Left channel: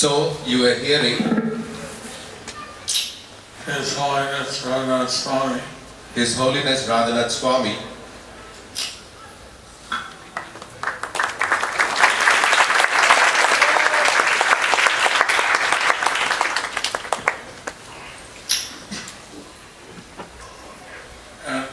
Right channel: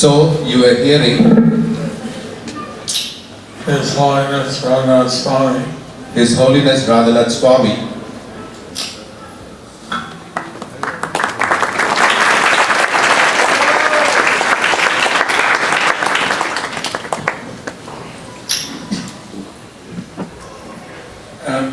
So you are hearing His Holiness Radhanath Swami. His Holiness Radhanath Swami. And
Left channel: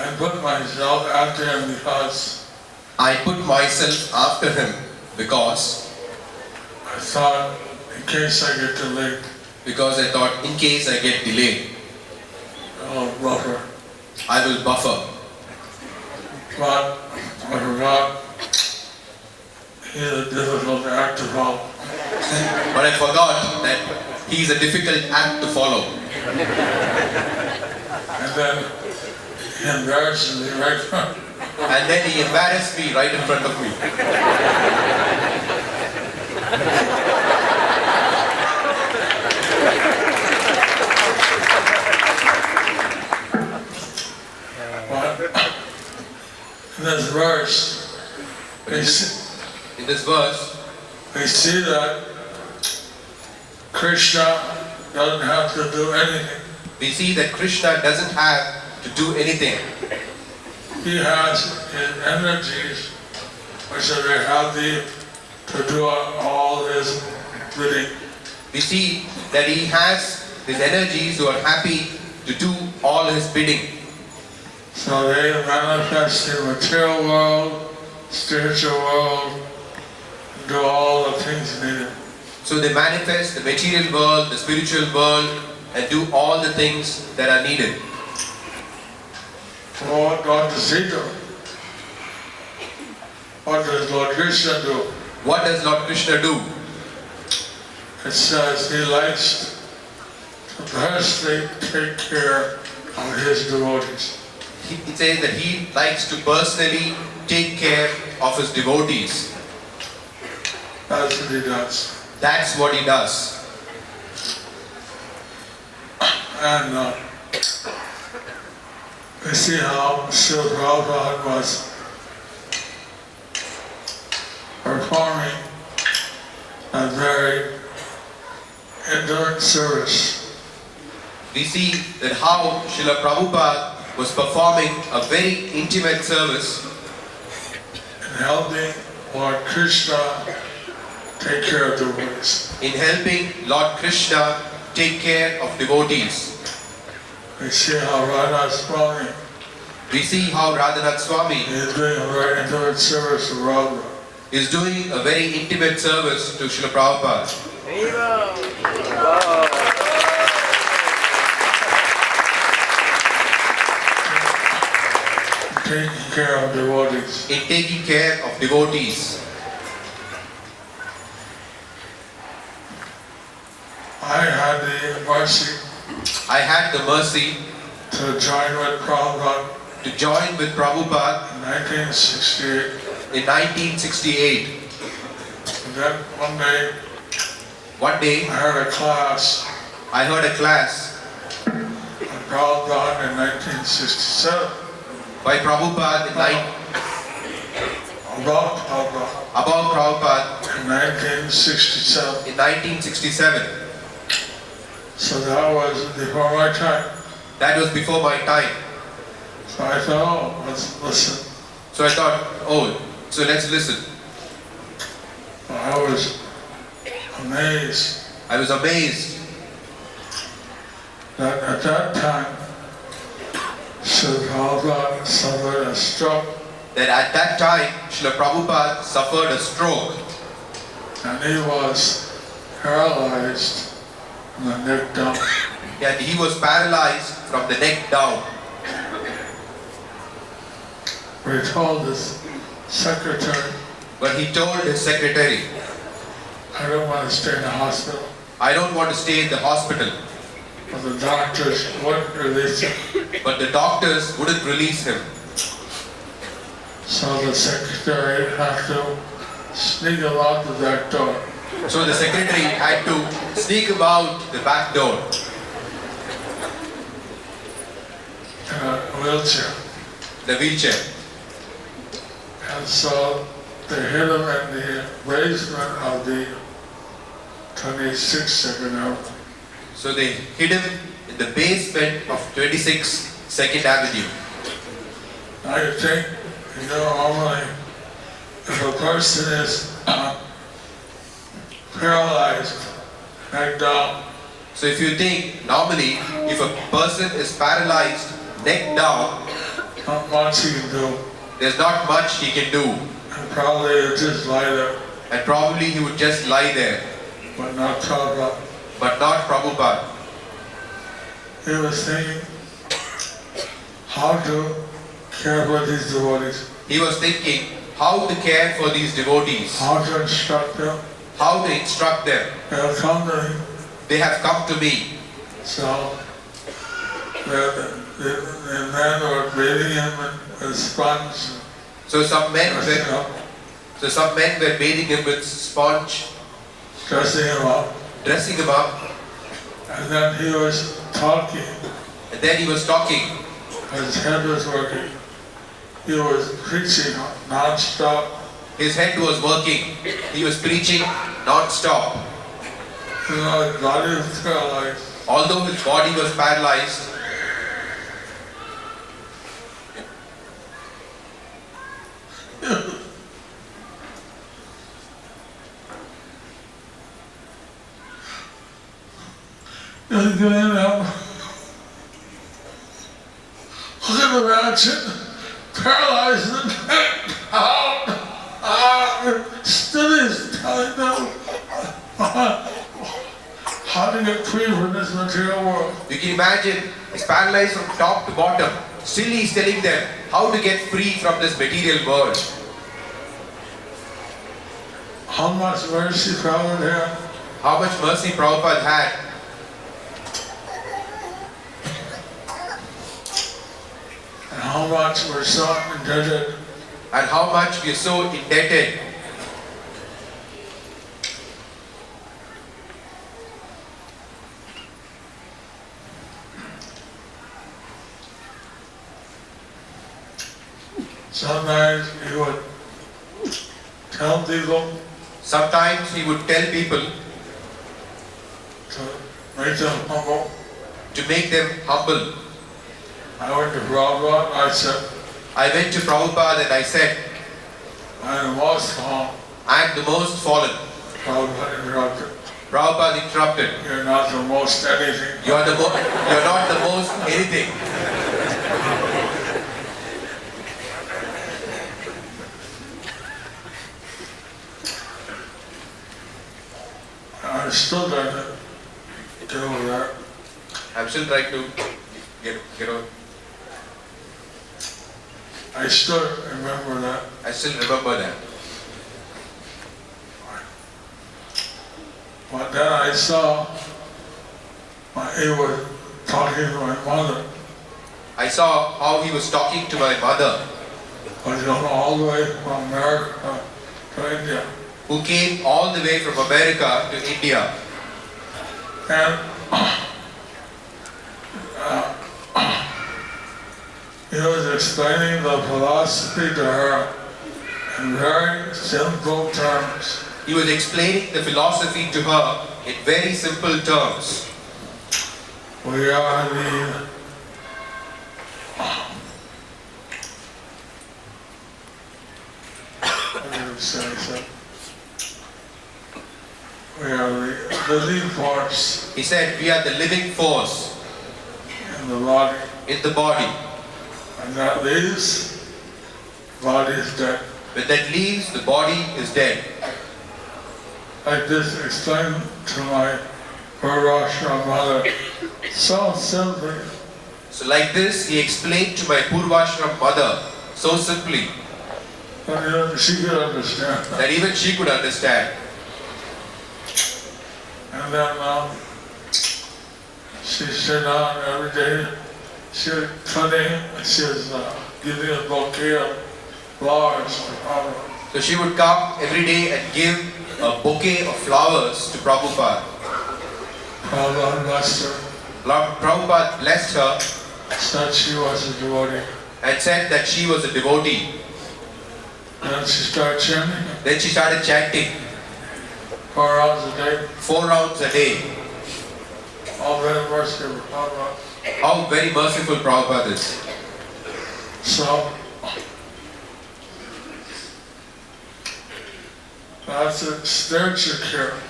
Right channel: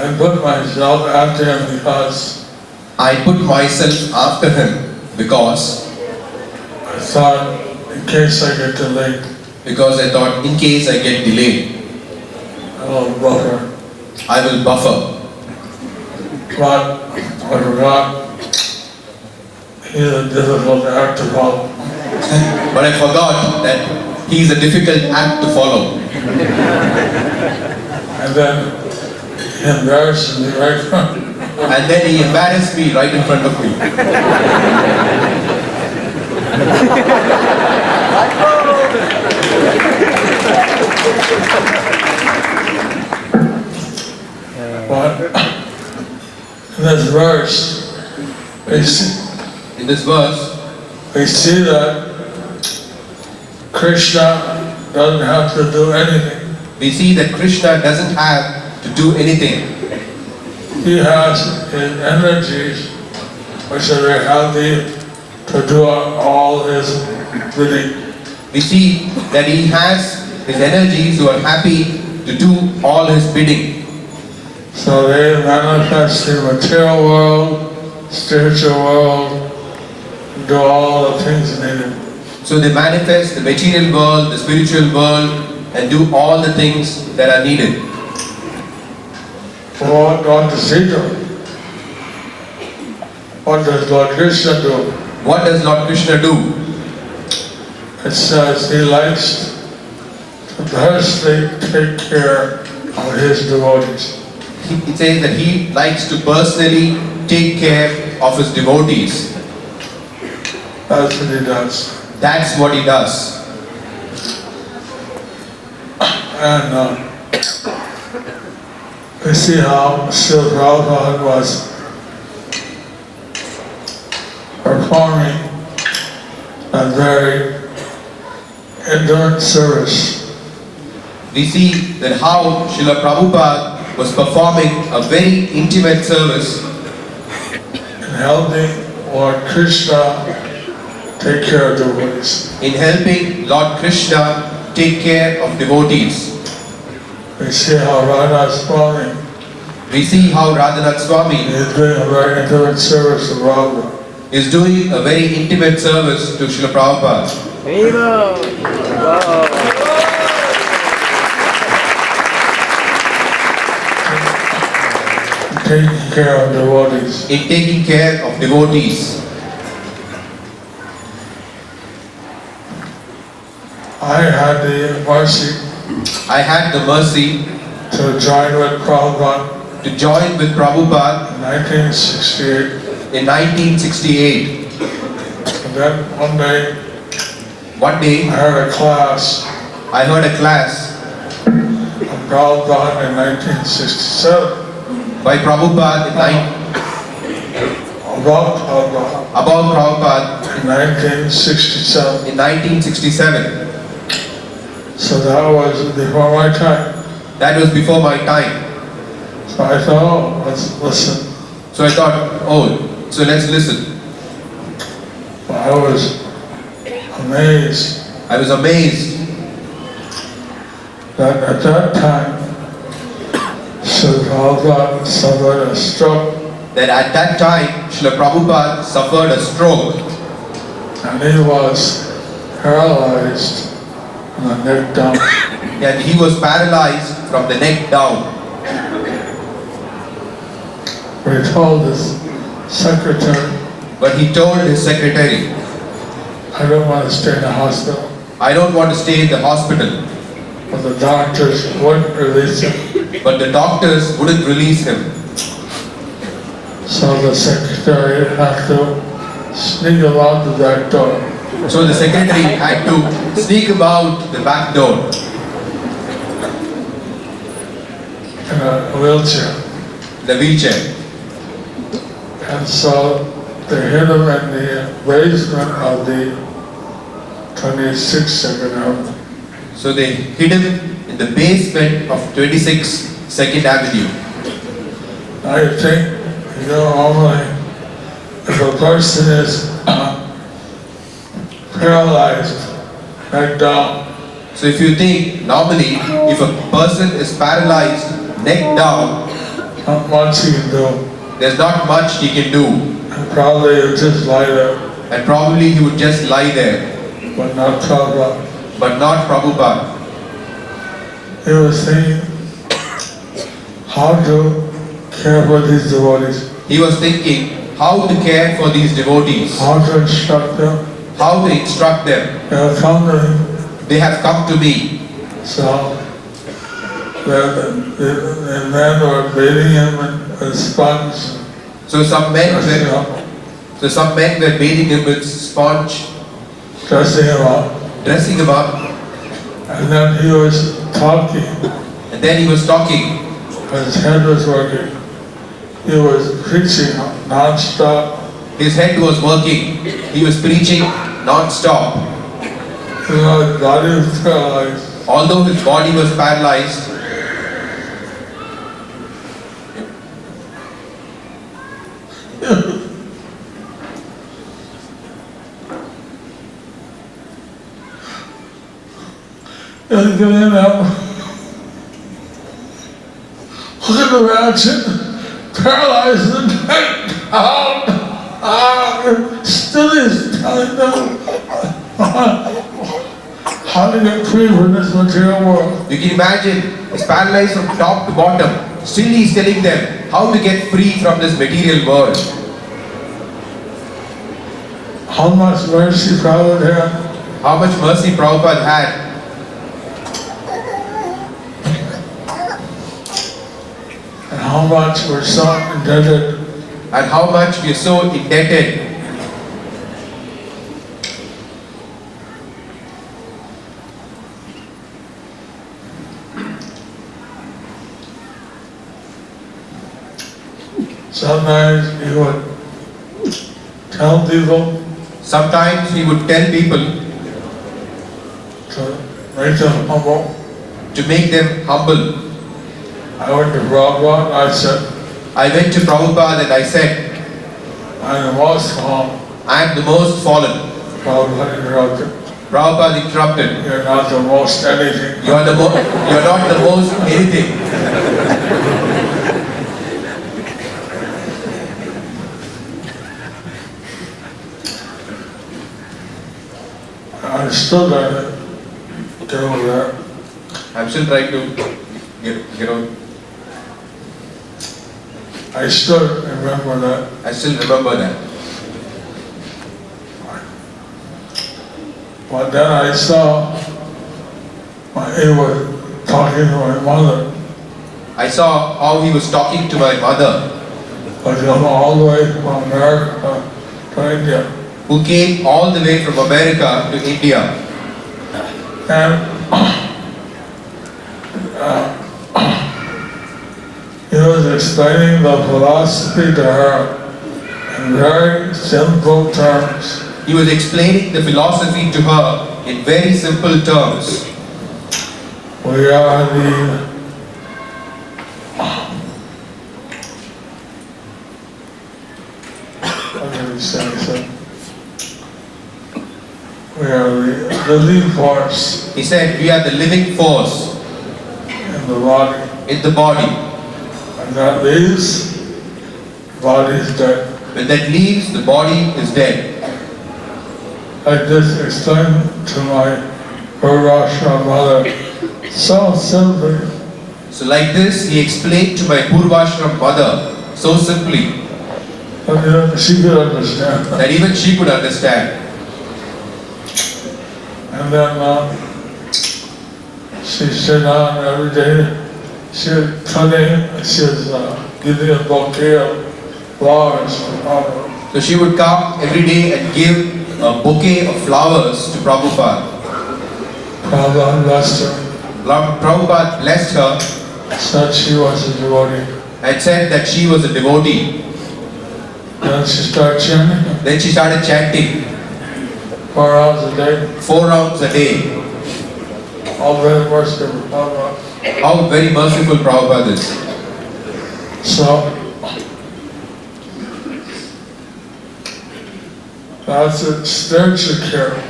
I put myself after him because I thought in case I get delayed, I will buffer. But I forgot he's a difficult act to follow. But I forgot that he is a difficult act to follow. And then he embarrassed me right in front. And then he embarrassed me right in front of me. But in this verse, we see that Krishna doesn't have to do anything. We see that Krishna doesn't have to do anything. He has his energies, which are very healthy, to do all his bidding. We see that he has his energies who are happy to do all his bidding. So they manifest in the material world, spiritual world, do all the things needed. So they manifest the material world, the spiritual world, and do all the things that are needed. What does he do? What does Lord Krishna do? What does Lord Krishna do? It says he likes to personally take care of his devotees. It says that he likes to personally take care of his devotees. That's what he does. That's what he does. And we see how Srila Prabhupada was performing a very intimate service. We see that how Srila Prabhupada was performing a very intimate service in helping Lord Krishna take care of devotees. In helping Lord Krishna take care of devotees. We see how Radhanath Swami is doing a very intimate service to Prabhupada. Is doing a very intimate service to Srila Prabhupada. Taking care of devotees. In taking care of devotees. I had the mercy to join with Prabhupada in 1968. In 1968. And then one day I heard a class of Prabhupada in 1967. By Prabhupada About Prabhupada. About Prabhupada in 1967. in 1967. So that was before my time. That was before my time. So I thought, oh, let's listen. So I thought, oh, so let's listen. I was amazed I was amazed that at that time, Srila Prabhupada suffered a stroke, that at that time Srila Prabhupada suffered a stroke and he was paralyzed from the neck down. and he was paralyzed from the neck down. We told his secretary, But he told his secretary, I don't want to stay in the hospital. I don't want to stay in the hospital. But the doctors wouldn't release him. But the doctors wouldn't release him. So the secretary had to sneak out the back door So the secretary had to sneak him out the back door in a wheelchair. the wheelchair. And so they hit him in the basement of the 26th Second Avenue. So they hid him in the basement of 26 2nd Avenue. I think, normally, if a person is paralyzed, neck down, So if you think, normally, if a person is paralyzed, neck down, not much he can do. there's not much he can do. And probably he'll just lie there, And probably he would just lie there, but not Prabhupada. but not Prabhupada. He was thinking how to care for these devotees, He was thinking how to care for these devotees, how to instruct them. how to instruct them. They have come to him. They have come to me. So the men were beating him with sponge, So some men dressing were, bathing him with sponge, him up. dressing him up, And then he was talking, and then he was talking. his head was working. He was preaching non-stop. His head was working. He was preaching non-stop. His body was paralyzed. Although his body was paralyzed, And get in there. Look at the ratchet, paralyzed and down. Still is telling them how to get free from this material world. you can imagine, he's paralyzed from top to bottom. Still he's telling them how to get free from this material world. How much mercy Prabhupada had. How much mercy Prabhupada had. And how much we're so indebted. And how much we are so indebted. Sometimes he would tell people Sometimes he would tell people to make them humble. to make them humble. I went to Prabhupada, I said, I went to Prabhupada and I said, I'm the most calm. I am the most fallen. Prabhupada interrupted. Prabhupada interrupted. You're not the most anything. You're not the most anything. I'm still trying to do that. I'm still trying to get on. I still remember that. I still remember that. But then I saw he was talking to my mother. I saw how he was talking to my mother, But come all the way from America to India. who came all the way from America to India. And he was explaining the philosophy to her in very simple terms. He was explaining the philosophy to her in very simple terms. We are the we are the living force He said, we are the living force in the body, in the body. and that leaves, the body is dead. When that leaves, the body is dead. I just explained to my Maharaja mother so simply. So like this, he explained to my Purvashram mother so simply And she could understand. that even she could understand. And then she sit down every day. She was cutting, she was giving a bouquet of flowers to Prabhupada. So she would come every day and give a bouquet of flowers to Prabhupada. Prabhupada blessed her, Prabhupada blessed her said she was a devotee. and said that she was a devotee. Then she started chanting Then she started chanting 4 hours a day. 4 rounds a day. All very merciful Prabhupada. How very merciful Prabhupada is. So that's a spiritual care.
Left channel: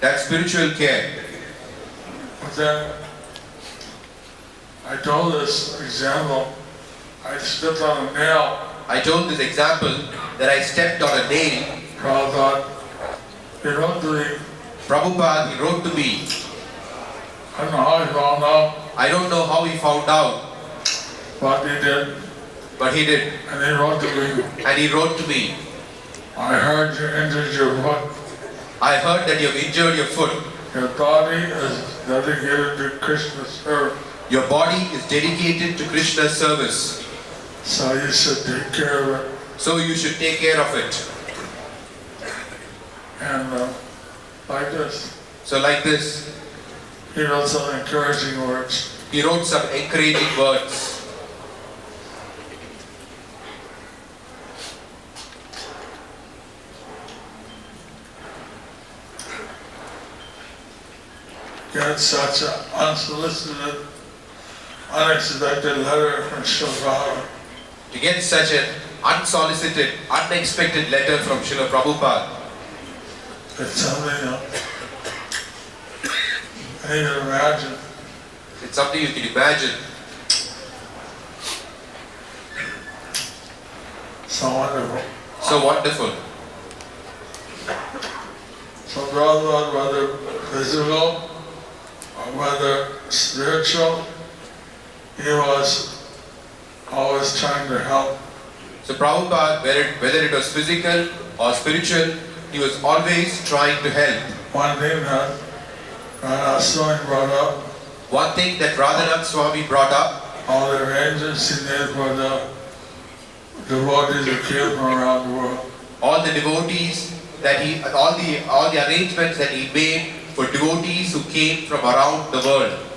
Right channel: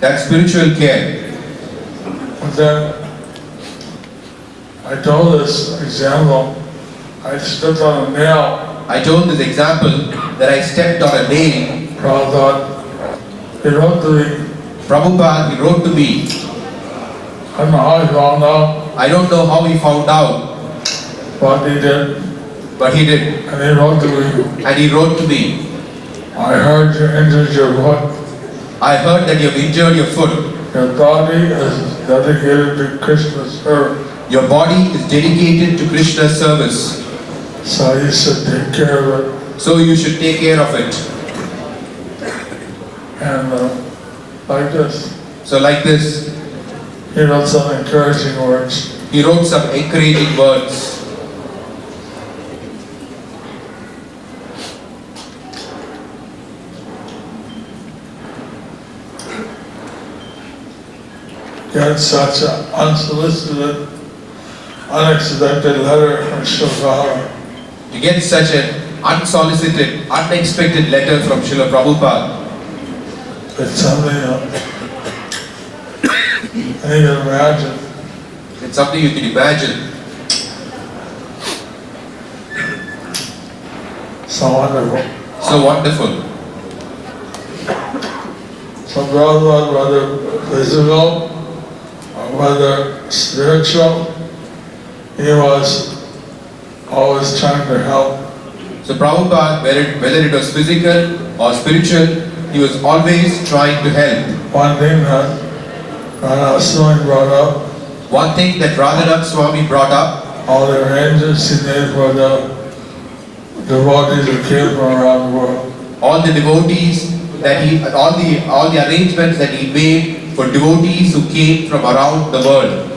That's spiritual care. And then I told this example, I stepped on a nail. I told this example that I stepped on a nail. Prabhupada, he wrote to me, Prabhupada, he wrote to me. I don't know how he found out, I don't know how he found out, but he did. but he did. And he wrote to me, And he wrote to me, I heard you injured your foot. I heard that you've injured your foot. Your body is dedicated to Krishna's service. Your body is dedicated to Krishna's service. So you should take care of it. So you should take care of it. And like this, So like this, he wrote some encouraging words. he wrote some encouraging words. Get such an unsolicited, unexpected letter from Srila. To get such an unsolicited, unexpected letter from Srila Prabhupada, It's something I can imagine. it's something you can imagine. So wonderful. So wonderful. So Prabhupada, whether physical or whether spiritual, he was always trying to help. So Prabhupada, whether it was physical or spiritual, he was always trying to help. One thing that Swami brought up, One thing that Radhanath Swami brought up, all the arrangements he made for the devotees who came from around the world. all the devotees that he, all the arrangements that he made for devotees who came from around the world.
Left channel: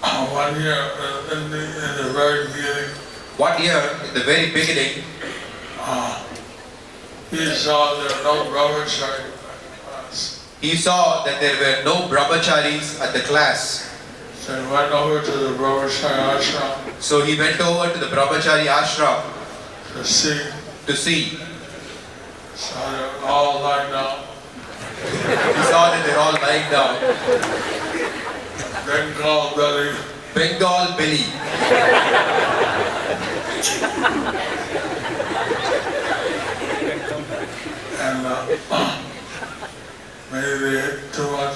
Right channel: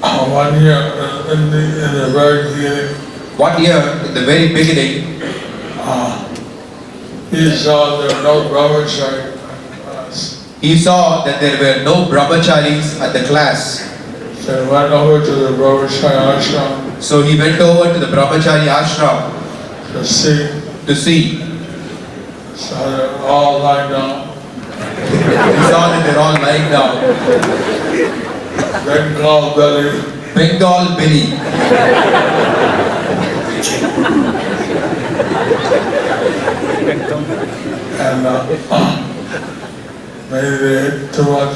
1 year in the very beginning, 1 year, in the very beginning, he saw there were no brahmachari class. he saw that there were no brahmacharis at the class. So he went over to the brahmachari ashram So he went over to the brahmachari ashram to see. to see. So they're all lying down. He saw that they're all lying down. Bengal belly. Bengal belly. And maybe they ate too much.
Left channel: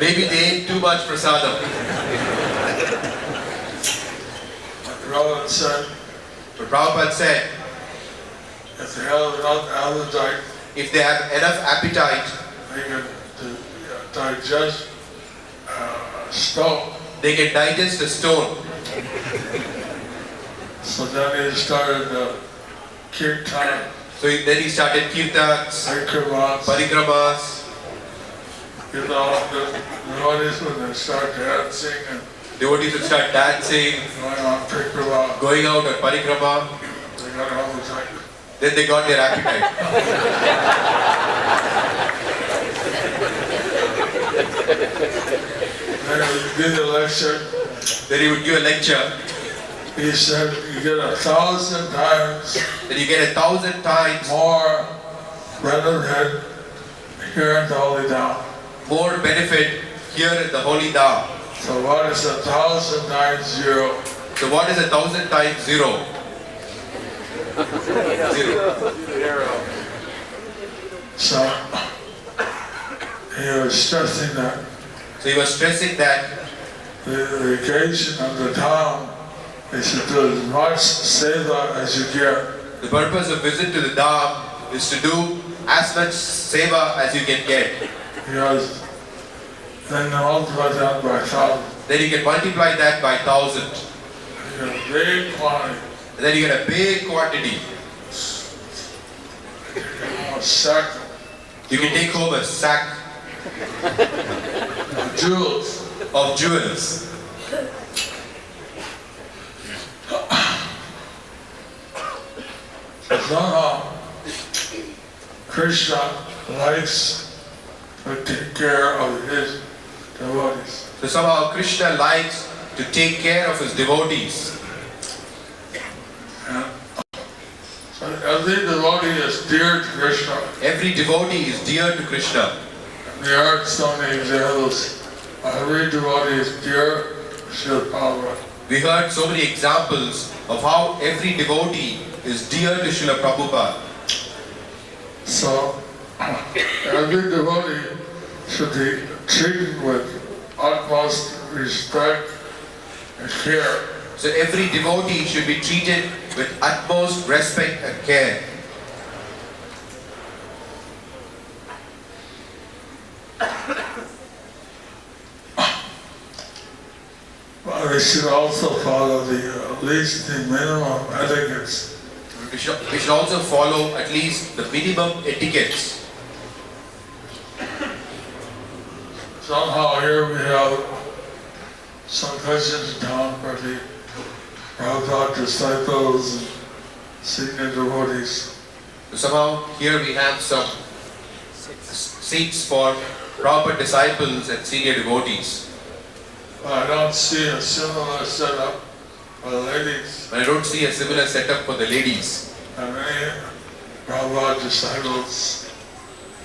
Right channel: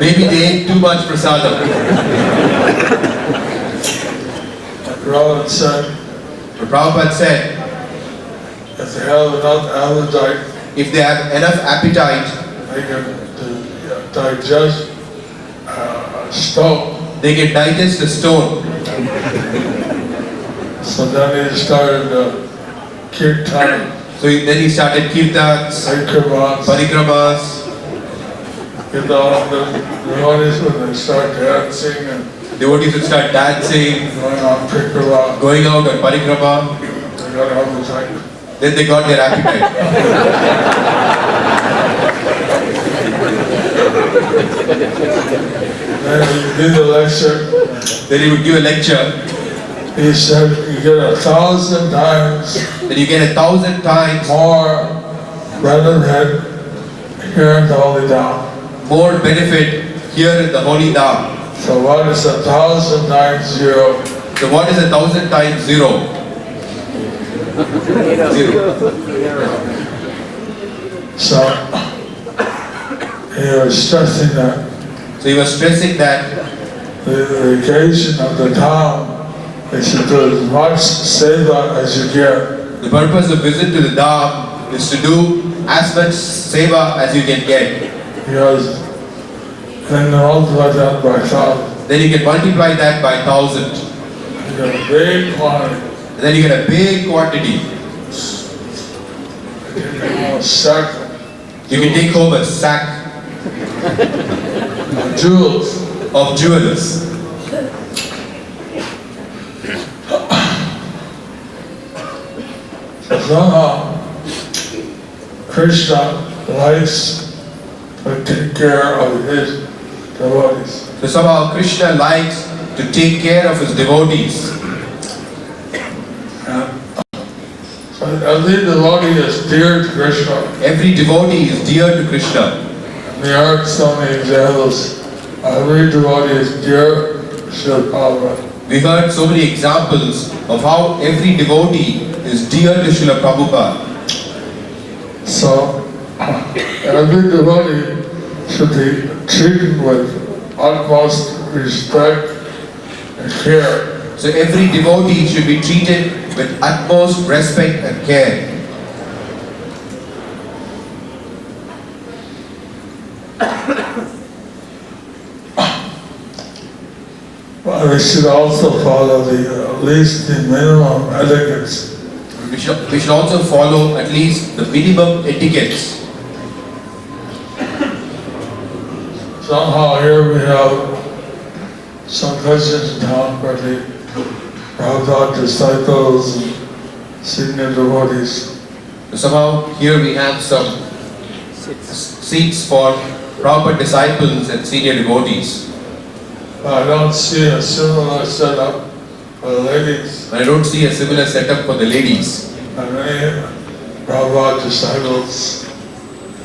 Maybe they ate too much prasadam. Prabhupada said, But Prabhupada said, if they have enough appetite, if they have enough appetite, they can digest stone. they can digest a stone. So then he started kirtan, Then he started kirtans, parikramas. The devotees when they start dancing and Devotees would start dancing, going on parikrama, going out on parikrama. they got appetite. Then they got their appetite. Then he did a lecture. Then he would give a lecture. He said you get 1,000 times Then you get 1,000 times more benefit here in the Holy Dham. more benefit here in the Holy Dham. So what is 1,000 times 0? So what is 1,000 times 0? 0. So he was stressing that So he was stressing that the occasion of the Dham is to do as much seva as you get. the purpose of visit to the Dham is to do as much seva as you can get. Because then you multiply that by 1,000. Then you can multiply that by 1,000. You get a big quantity. And then you get a big quantity. You get a sack You can take home a sack of jewels. of jewels. Somehow Krishna likes to take care of his devotees. So somehow Krishna likes to take care of his devotees. So every devotee is dear to Krishna. Every devotee is dear to Krishna. There are so many examples. Every devotee is dear to Srila Prabhupada. We heard so many examples of how every devotee is dear to Srila Prabhupada. So every devotee should be treated with utmost respect and care. So every devotee should be treated with utmost respect and care. But we should also follow at least the minimum etiquettes. We should also follow at least the minimum etiquettes. Somehow here we have some questions in town for the Prabhupada disciples and senior devotees. So somehow here we have some seats for Prabhupada disciples and senior devotees. I don't see a similar setup for the ladies. But I don't see a similar setup for the ladies. And many Prabhupada disciples,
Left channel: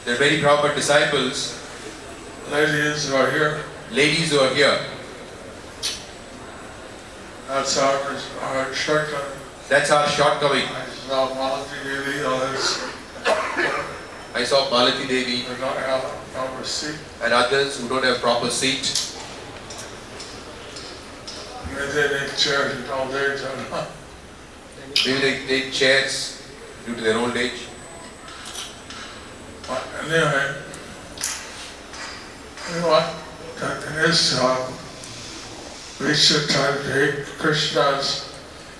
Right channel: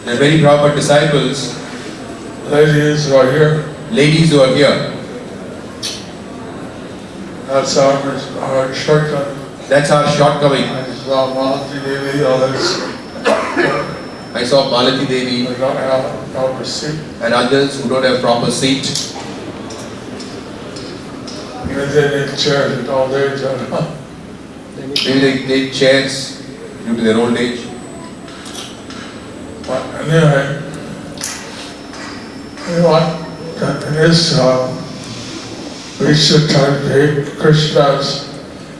There are many Prabhupada disciples, ladies who are here. ladies who are here. That's our shortcut. That's our shortcoming. I saw Malati Devi, others, I saw Malati Devi they don't have a proper seat. and others who don't have proper seat. Maybe they need chairs at all age, I don't know. Maybe they take chairs due to their old age. But anyway, you know what? In this we should try to take Krishna's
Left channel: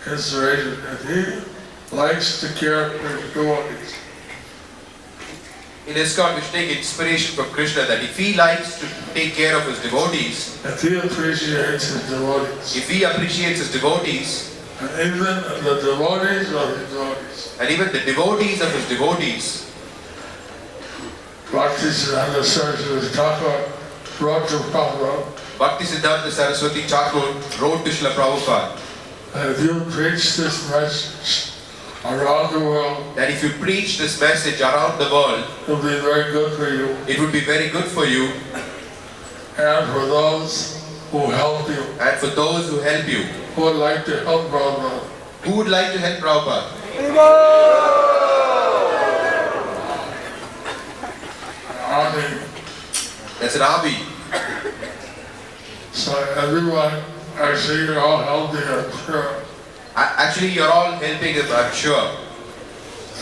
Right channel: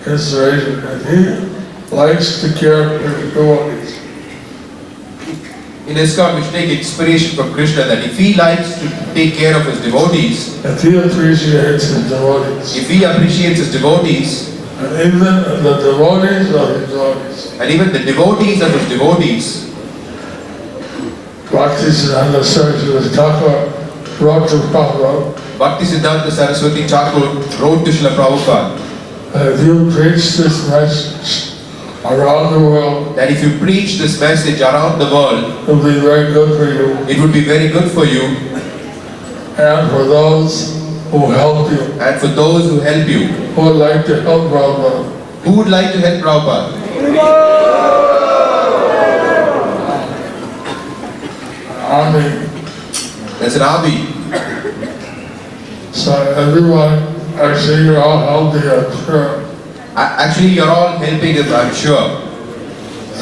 inspiration, and he likes to care for his devotees. In ISKCON, we should take inspiration from Krishna that if he likes to take care of his devotees, If he appreciates his devotees, if he appreciates his devotees, and even the devotees of his devotees, and even the devotees of his devotees, Bhaktisiddhanta Saraswati Thakur wrote to Prabhupada, Bhaktisiddhanta Saraswati Thakur wrote to Srila Prabhupada if you preach this message around the world, that if you preach this message around the world, it will be very good for you it would be very good for you and for those who help you, and for those who help you. who would like to help Prabhupada. Who would like to help Prabhupada? Army. That's an army. So everyone, actually you're all helping, I'm sure. Actually, you're all helping him, I'm sure.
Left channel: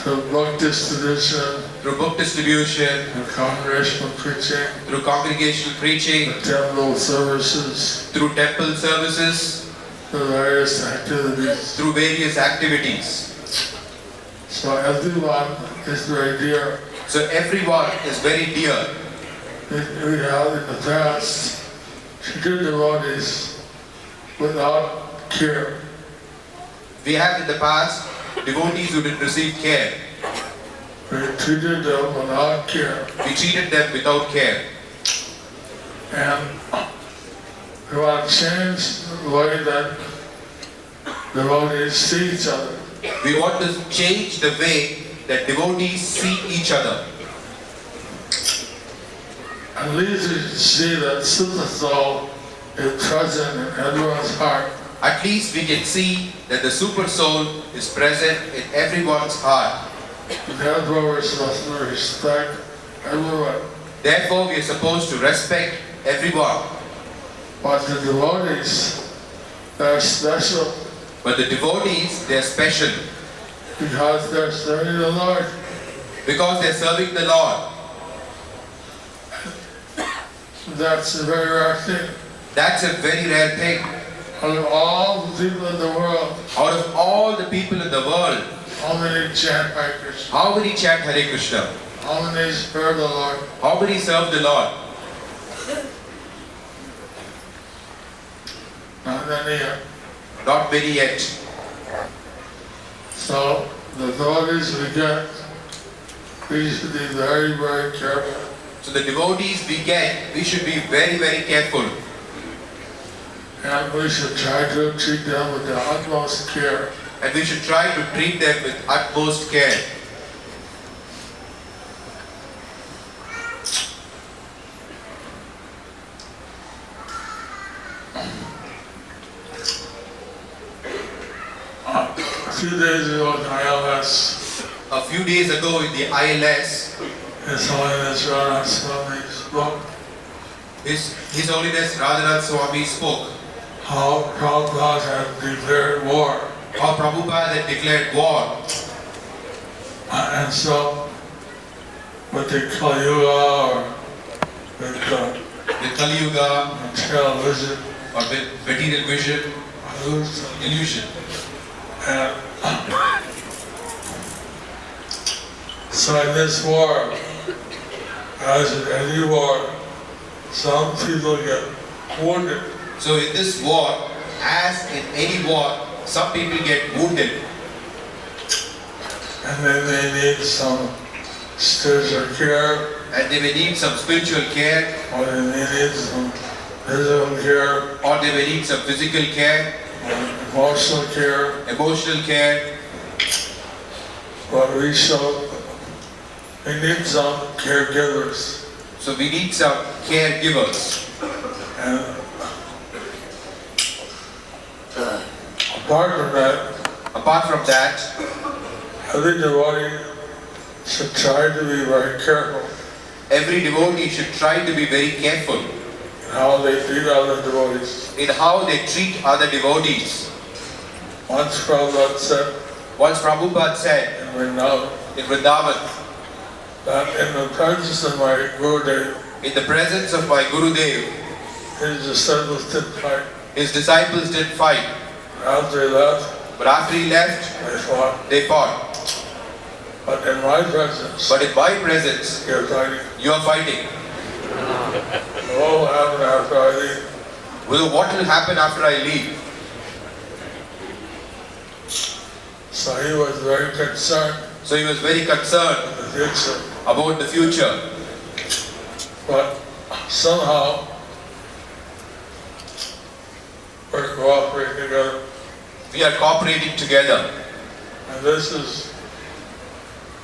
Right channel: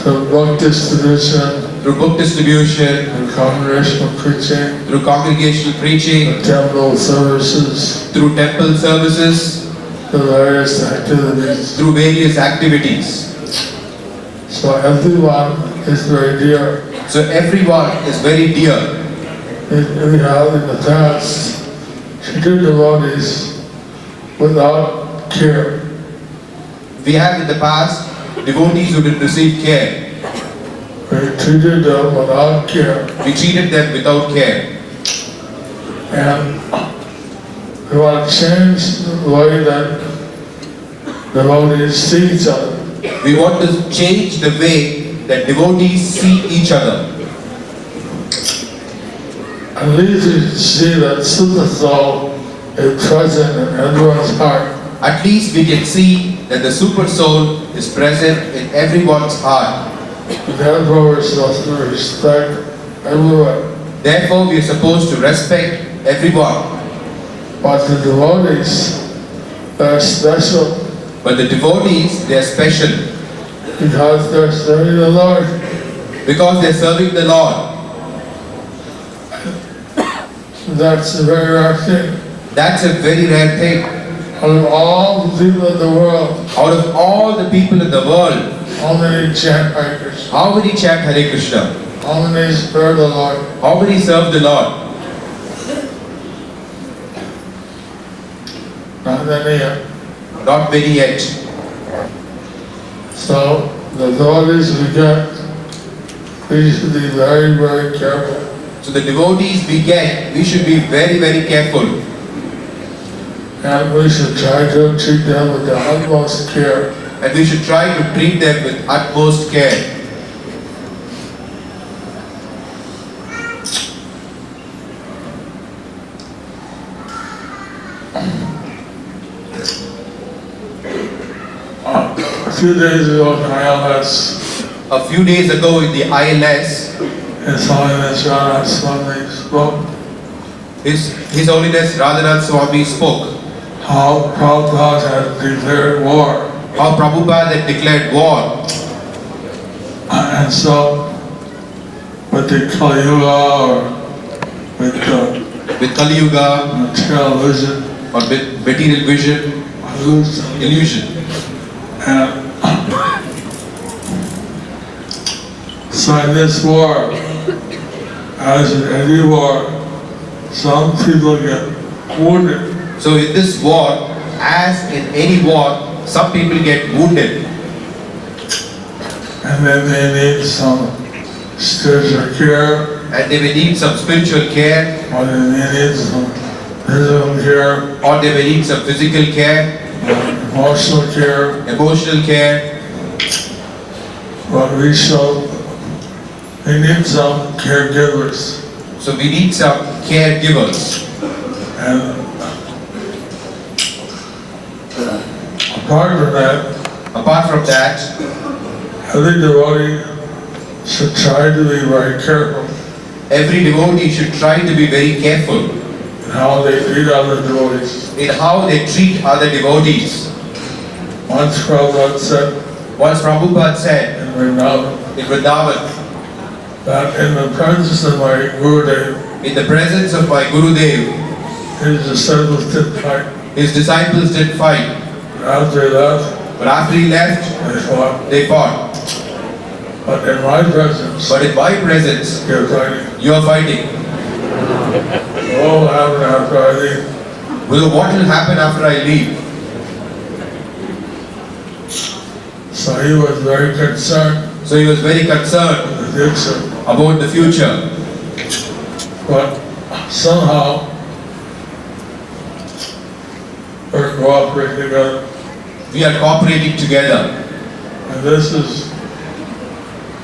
Through book distribution, Through book distribution, through congregational preaching, through congregational preaching, temple services, through temple services, through various activities. through various activities. So everyone is very dear. So everyone is very dear. We have in the past treated devotees without care. We have in the past devotees who didn't receive care. We treated them without care. We treated them without care. And we want to change the way that devotees see each other. We want to change the way that devotees see each other. At least we see that Super Soul is present in everyone's heart. At least we can see that the Super Soul is present in everyone's heart. Therefore, we're supposed to respect everyone. Therefore, we are supposed to respect everyone. But the devotees, they're special But the devotees, they are special because they're serving the Lord. because they are serving the Lord. That's a very rare thing. That's a very rare thing. Out of all the people in the world, Out of all the people in the world, how many chant Hare Krishna? how many chant Hare Krishna? How many serve the Lord? How many serve the Lord? Not many yet. Not many yet. So the devotees we get, we should be very, very careful. So the devotees we get, we should be very, very careful. And we should try to treat them with the utmost care. And we should try to treat them with utmost care. A few days ago in ILS, A few days ago in the ILS, His Holiness Radha Swami spoke His Holiness Radhanath Swami spoke how Prabhupada had declared war. how Prabhupada had declared war. And so, with the Kali Yuga or with the With Kali Yuga material vision, or with material vision, illusion. And so in this war, as in any war, some people get wounded. So in this war, as in any war, some people get wounded And then they need some spiritual care, and they may need some spiritual care, or they need some physical care, or they may need some physical care, emotional care. emotional care. But we need some caregivers. So we need some caregivers. And apart from that, Apart from that, every devotee should try to be very careful every devotee should try to be very careful in how they treat other devotees. in how they treat other devotees. Once Prabhupada said Once Prabhupada said in Vrindavan in Vrindavan, that in the presence of my Gurudev, in the presence of my Gurudev, his disciples didn't fight. his disciples did fight. After he left, But after he left, they fought. they fought. But in my presence, But in my presence, they're fighting. you are fighting. What will happen after I leave? Well, what will happen after I leave? So he was very concerned So he was very concerned with the future. about the future. But somehow, we're cooperating together. We are cooperating together. And this is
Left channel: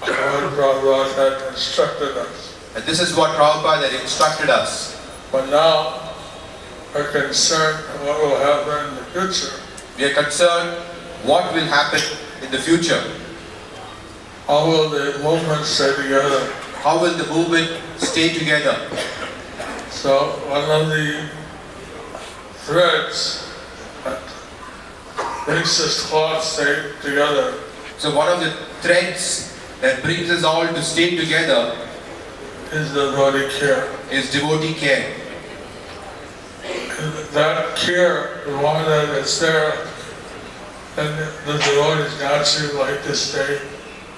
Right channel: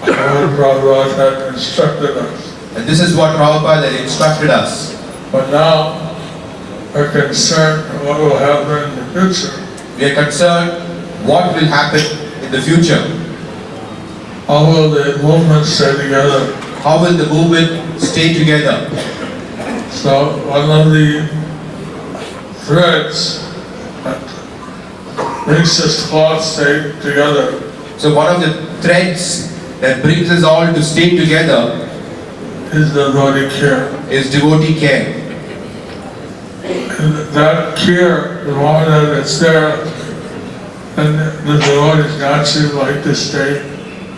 what Prabhupada had instructed us. And this is what Prabhupada had instructed us. But now, we're concerned what will happen in the future. We are concerned what will happen in the future. How will the movement stay together? How will the movement stay together? So one of the threads that makes this cloth stay together So one of the threads that brings us all to stay together is devotee care. is devotee care. And that care, the moment that it's there, and the devotees naturally like to stay.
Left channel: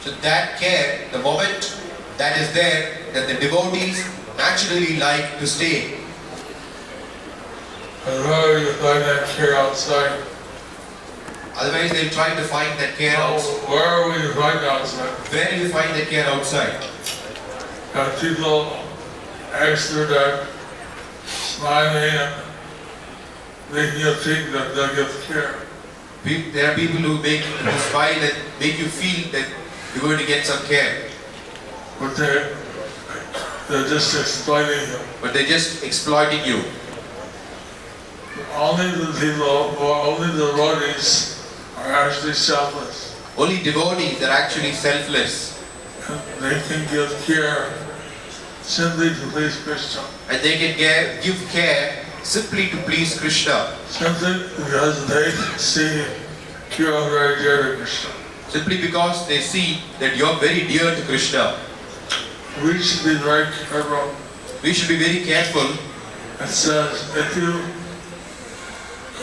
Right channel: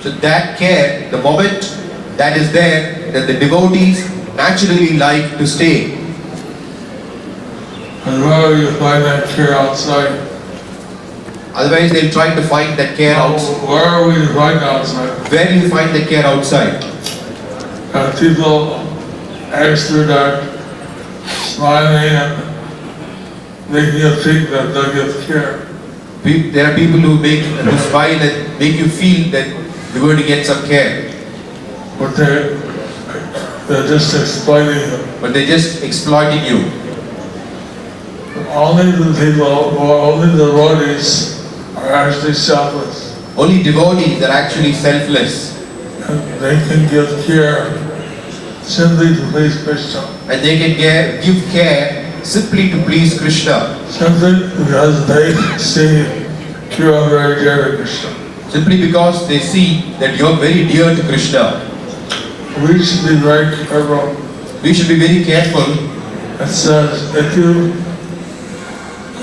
So that care, the moment that is there, that the devotees naturally like to stay. And wherever you find that care outside, Otherwise they'll try to find that care outside. where we find outside, Where do you find the care outside? people ask through that smiling and making you think that they give care. There are people who make you smile and make you feel that you're going to get some care. But they're just exploiting you. But they're just exploiting you. Only the people, or only the devotees are actually selfless. Only devotees are actually selfless. And they can give care simply to please Krishna. And they can give care simply to please Krishna. Simply because they see you are very dear to Krishna. Simply because they see that you're very dear to Krishna. We should be very careful. We should be very careful. It says if you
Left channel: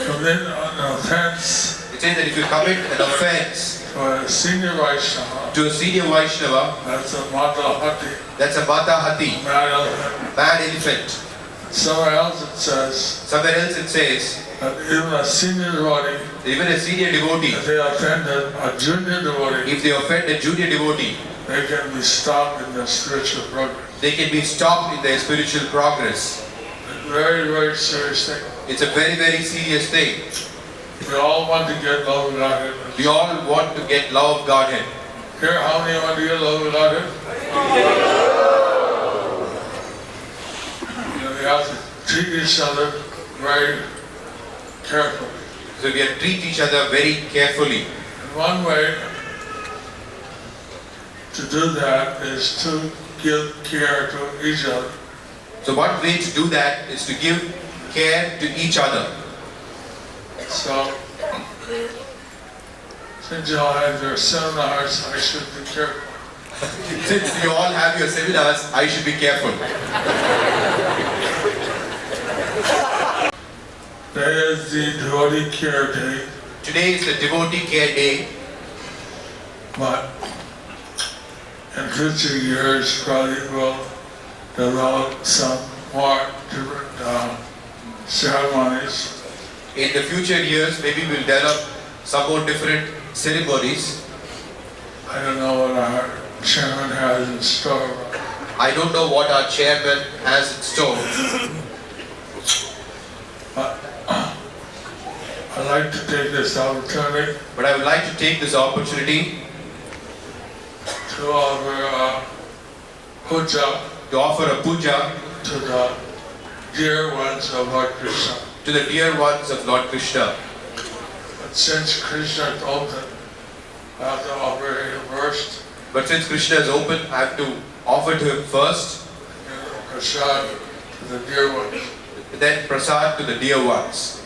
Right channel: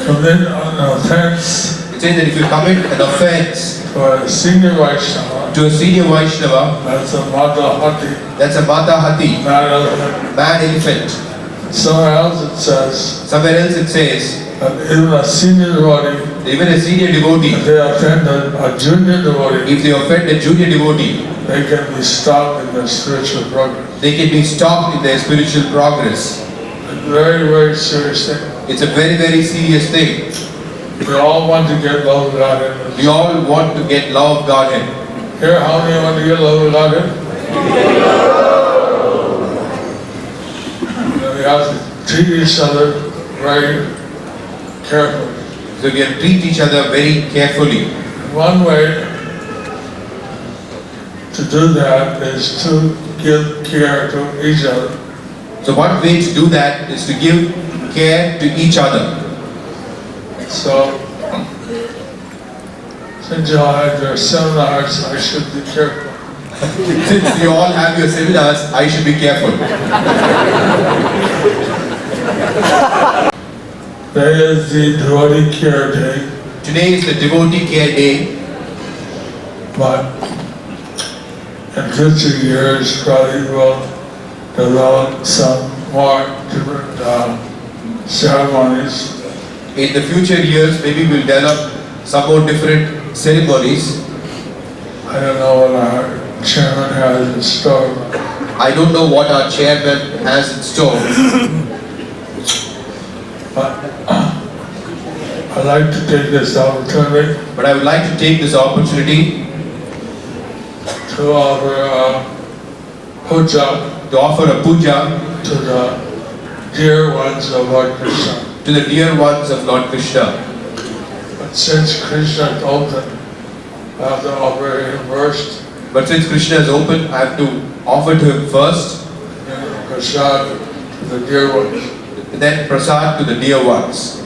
commit an offense It says that if you commit an offense to a senior Vaishnava, that's a Mata Hati, that's a Mata Hati, mad elephant. mad elephant. Somewhere else it says that even a senior devotee, even a senior devotee, if they offend a junior devotee, if they offend a junior devotee, they can be stopped in their spiritual progress. they can be stopped in their spiritual progress. A very, very serious thing. It's a very, very serious thing. We all want to get love of Godhead. We all want to get love of Godhead. Here, how many want to get love of Godhead? We have to treat each other very carefully. So we have to treat each other very carefully. One way to do that is to give care to each other. So one way to do that is to give care to each other. So, since you all have your seminars, I should be careful. Since you all have your seminars, I should be careful. Today is the Devotee Care Day, Today is the Devotee Care Day, but in future years probably will develop some more different ceremonies. in the future years, maybe we'll develop some more different ceremonies. I don't know what our chairman has in store. I don't know what our chairman has in store. But I'd like to take this opportunity But I would like to take this opportunity to offer puja to offer a puja to the dear ones of Lord Krishna. to the dear ones of Lord Krishna. But since Krishna is open, I have to offer him first, But since Krishna is open, I have to offer to him first, and prasad to the dear ones. then prasad to the dear ones.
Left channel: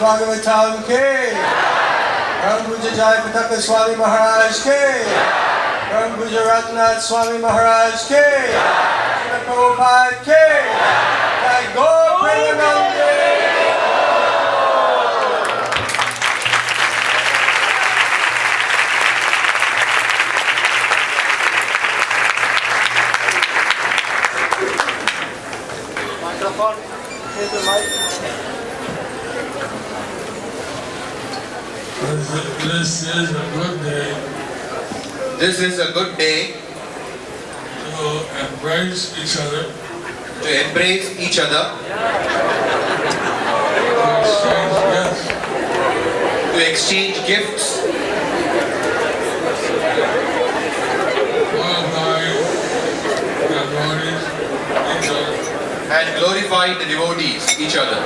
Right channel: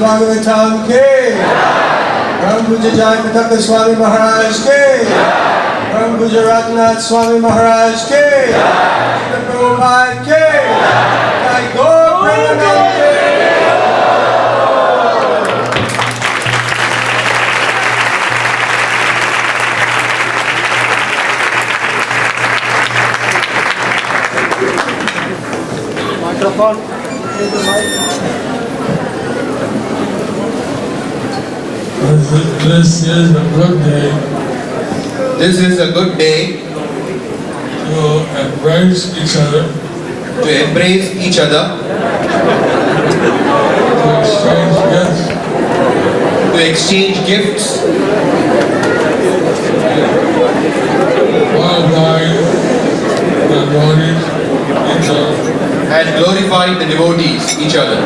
Bhagavatam ke Ram Puja Jayapataka Swami Maharaj ke Ram Puja Ratnath Swami Maharaj ke Prabhupada ke Jai Gaur Premanande. Microphone. Take the mic. This is a good day This is a good day to embrace each other, to embrace each other, to exchange gifts, to exchange gifts, glorify the devotees, each other. and glorify the devotees, each other.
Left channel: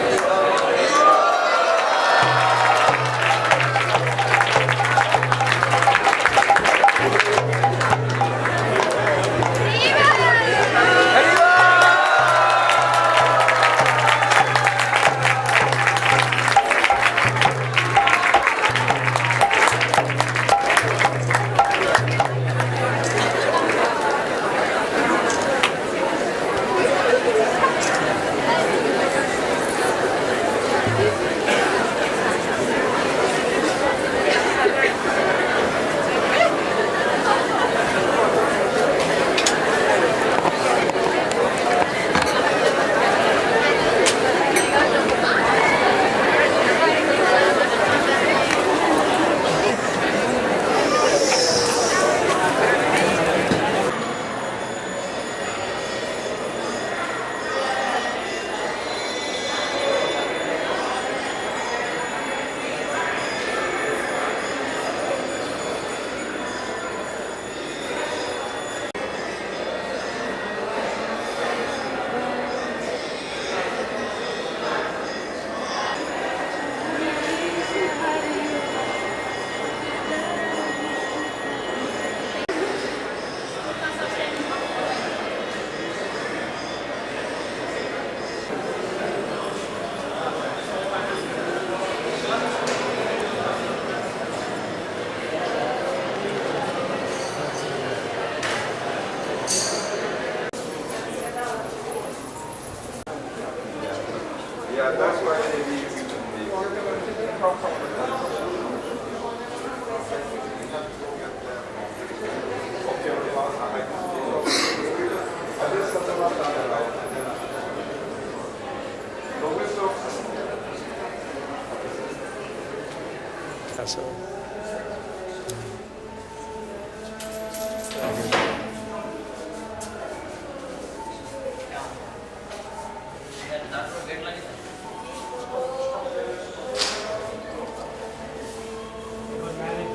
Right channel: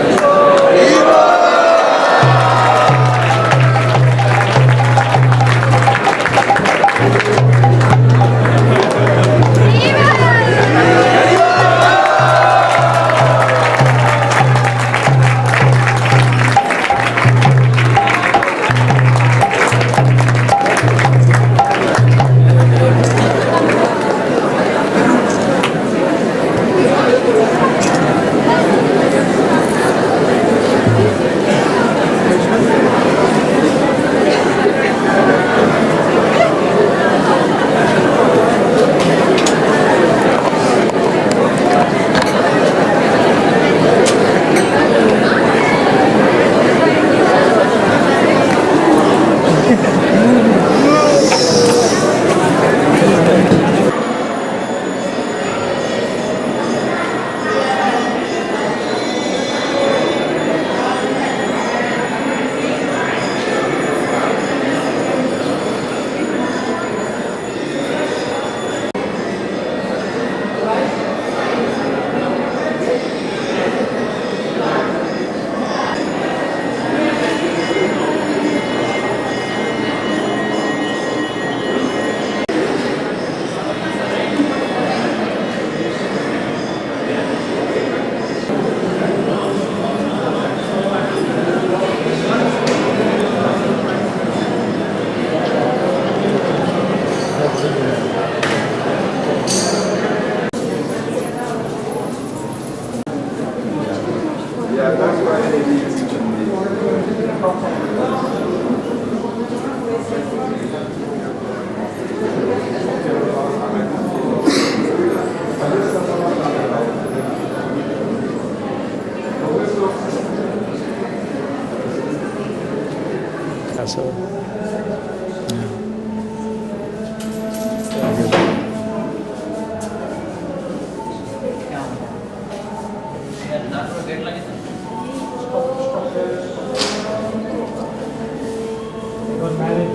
got married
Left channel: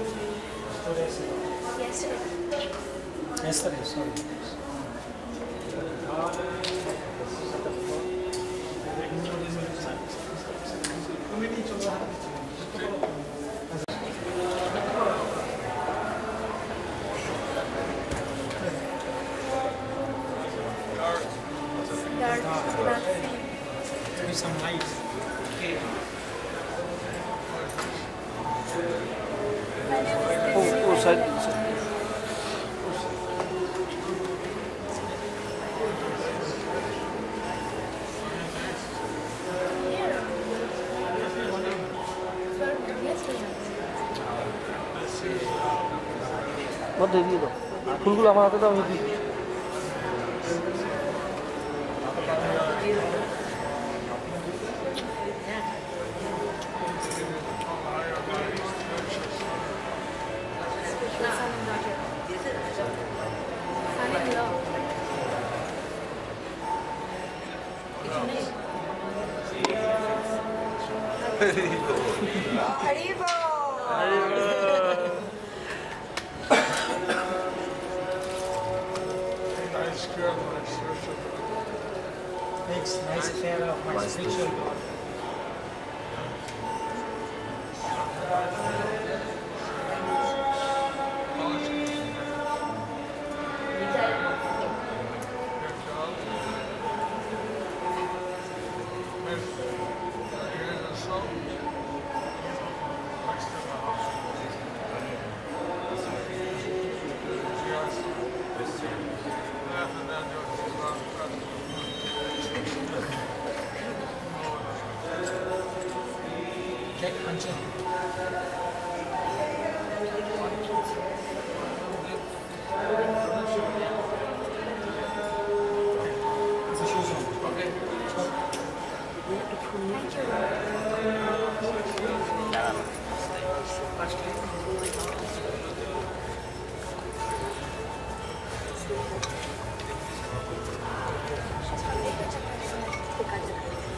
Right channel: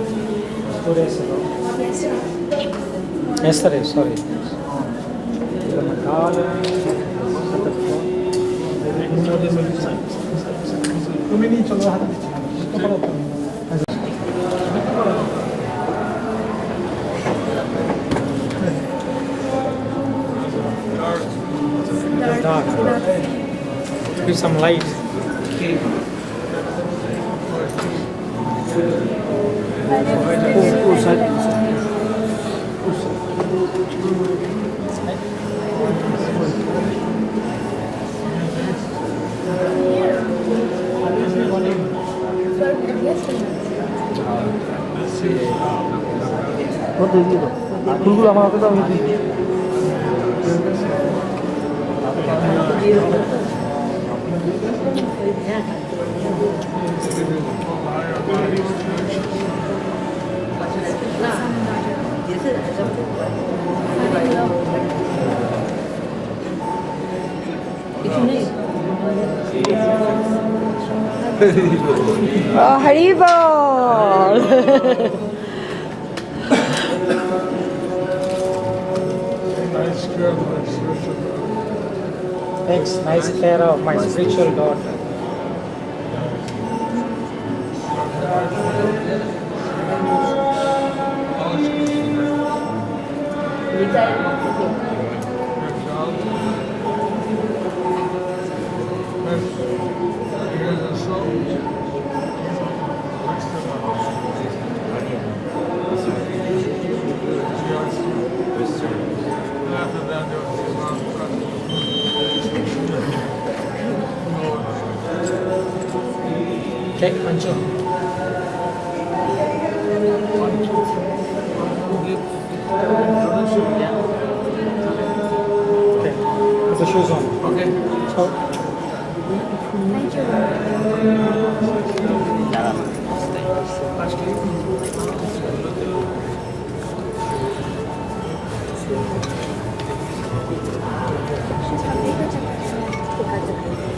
2 days ago. Yesterday, sorry. Give some light. What do you do? Kulu ama apa tahu ini? Oh, Haribol! Takes nice care of my spiritual daughter. Okay, Anju. Okay, put the shoes on. Okay. Thank you.